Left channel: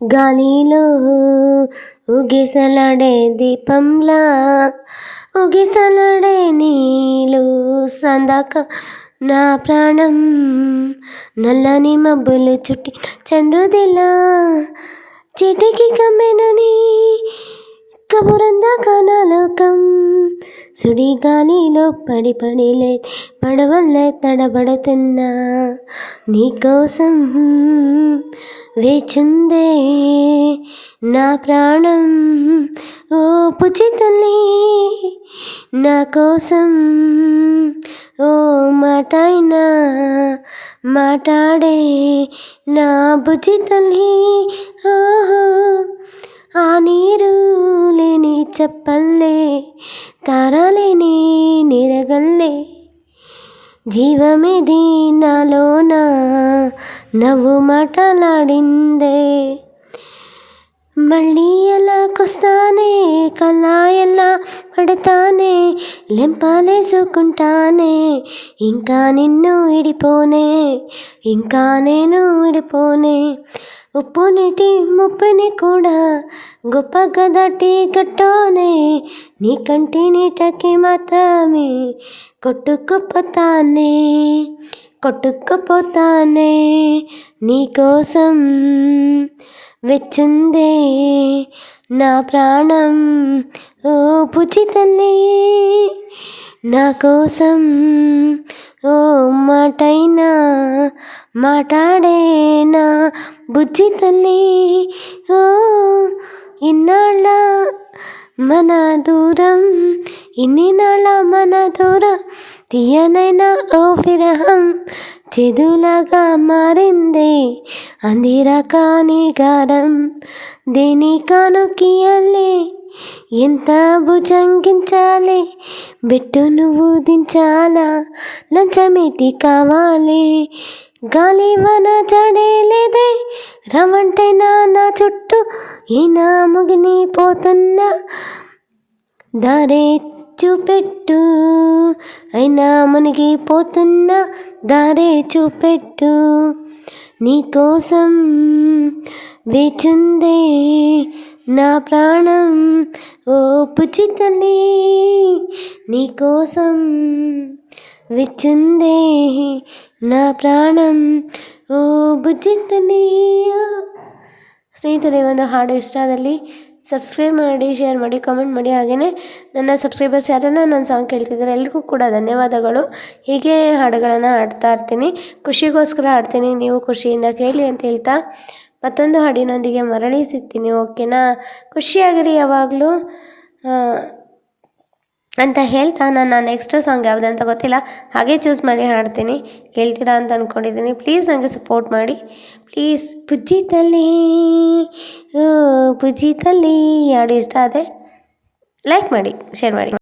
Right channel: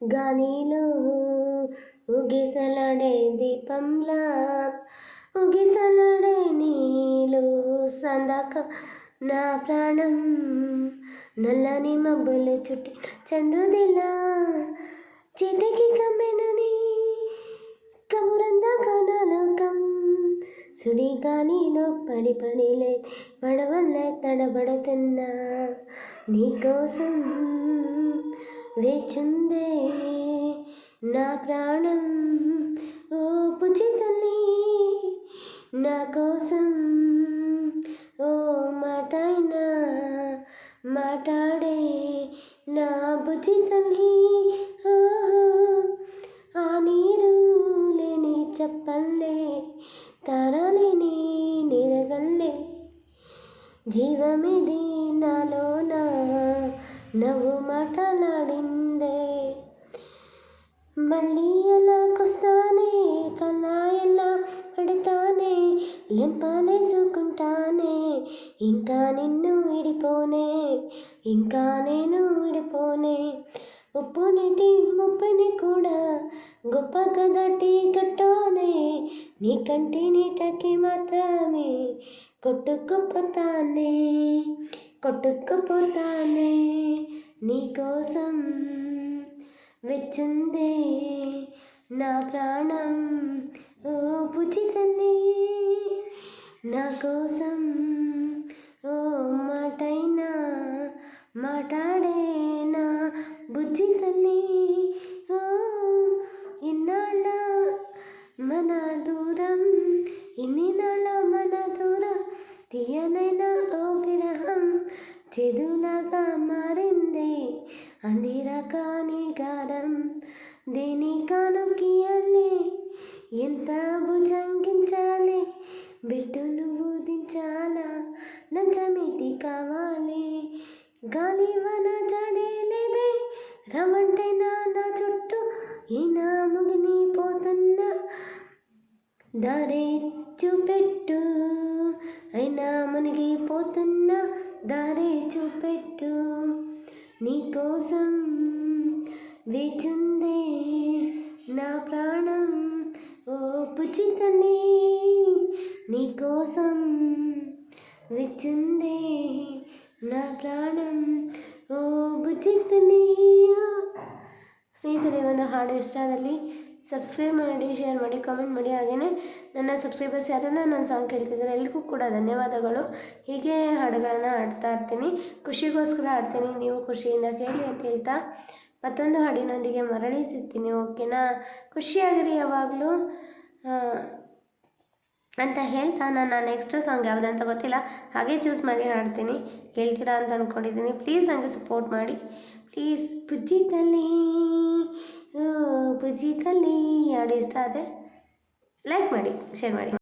గాలిలో ఊగిసలాడే దీపంలా ఊగిసలాడే నీలు సందాక నా ప్రాణం నల్లని మబ్బులు చుట్టి చంద్రుదిలా చిటికి కమ్మెనని కబురందాక నా లోకం సుడిగాలిలో పడి పడిలే పడవల్లే తడబడుతున్నా నీకోసం వేచుందే నా ప్రాణం ఓ పుచి తల్లి నా కోసం ఓ మాటైనా మాట్లాడే నా బుజ్జి తల్లి ఓహో ఆ నీరు లేని చెప్పల్లే తారాలేని నిరగల్లే జీవమిది నాలోన నవ్వు మాటలాడిందే మళ్ళీ ఎలాకొస్తానే కలా ఎలా పడతానే లెంపాలేసుకుంటానే ఇంకా నిన్ను విడిపోనే ఇంకా నేను విడిపోనే ఉప్పు నీటి ముప్పుని కూడా గొప్పగా దాటి కట్టోనే నీ కంటి నీటకి మాత్రమే కొట్టుకుపోతానే కొట్టుకుపోతానే నీకోసం వెచ్చుందే నా ప్రాణం ఓ పుచి తల్లి నా కోసం ఓ మాటైనా మాట్లాడే నా బుజ్జి తల్లి ఓ ఇన్నాళ్ళ మన దూరం ఇన్ని నాళ్ళ మన దూరం తీయనైనా ఓ విరహం చెదులాగా మారింది అందిరా కాని గారం దేని కానుకియలే ఎంత భుజంగించాలి బెట్టు నువ్వు దించాలా లంచమేటి కావాలి గాలి వన జడేలేదే రమంటే నా చుట్టూ ఈనా ముగిని పోతున్నా దారే చూపెట్టు అయినా మునిగిపోతున్నా దారే చూపెట్టు నీకోసం వేచుందే నా ప్రాణం ఓ పుచి తల్లి నీకోసం విచ్చుందే నా ಪ್ರಾಣಂ ಓ ಬುಜ್ಜಿ ತಲ್ಲಿ ಸ್ನೇಹಿತರೆ, ಒಂದು ಹಾಡು ಇಷ್ಟ ಆದಲ್ಲಿ ಸಬ್ಸ್ಕ್ರೈಬ್ ಮಾಡಿ, ಶೇರ್ ಮಾಡಿ, ಕಮೆಂಟ್ ಮಾಡಿ. ಹಾಗೆಯೇ ನನ್ನ ಸಬ್ಸ್ಕ್ರೈಬರ್ಸ್ ಯಾರೆಲ್ಲ ನನ್ನ ಸಾಂಗ್ ಕೇಳ್ತಿದ್ದಾರೆ ಎಲ್ರಿಗೂ ಕೂಡ ಧನ್ಯವಾದಗಳು. ಹೀಗೆ ಹಾಡುಗಳನ್ನು ಹಾಡ್ತಾ ಇರ್ತೀನಿ, ಖುಷಿಗೋಸ್ಕರ ಹಾಡ್ತೀನಿ, ನೀವು ಖುಷಿಯಿಂದ ಕೇಳಿ ಅಂತ ಹೇಳ್ತಾ ಮತ್ತೊಂದು ಹಾಡಿನೊಂದಿಗೆ ಮರಳಿ ಸಿಗ್ತೀನಿ. ಓಕೆನಾ? ಖುಷಿಯಾಗಿರಿ ಯಾವಾಗಲೂ ಅಂತ ಹೇಳ್ತಾ ನನ್ನ ನೆಕ್ಸ್ಟ್ ಸಾಂಗ್ ಯಾವುದಂತ ಗೊತ್ತಿಲ್ಲ, ಹಾಗೆ ಚೂಸ್ ಮಾಡಿ ಹಾಡ್ತೀನಿ, ಕೇಳ್ತೀರಾ ಅಂತ ಅಂದ್ಕೊಂಡಿದ್ದೀನಿ. ಪ್ಲೀಸ್ ನನಗೆ ಸಪೋರ್ಟ್ ಮಾಡಿ ಪ್ಲೀಸ್. ಬುಜ್ಜಿ ತಲ್ಲಿ ಓ ಬುಜ್ಜಿ ತಲ್ಲಿ ಹಾಡು ಇಷ್ಟ ಆದರೆ ಲೈಕ್ ಮಾಡಿ, ಶೇರ್ ಮಾಡಿ.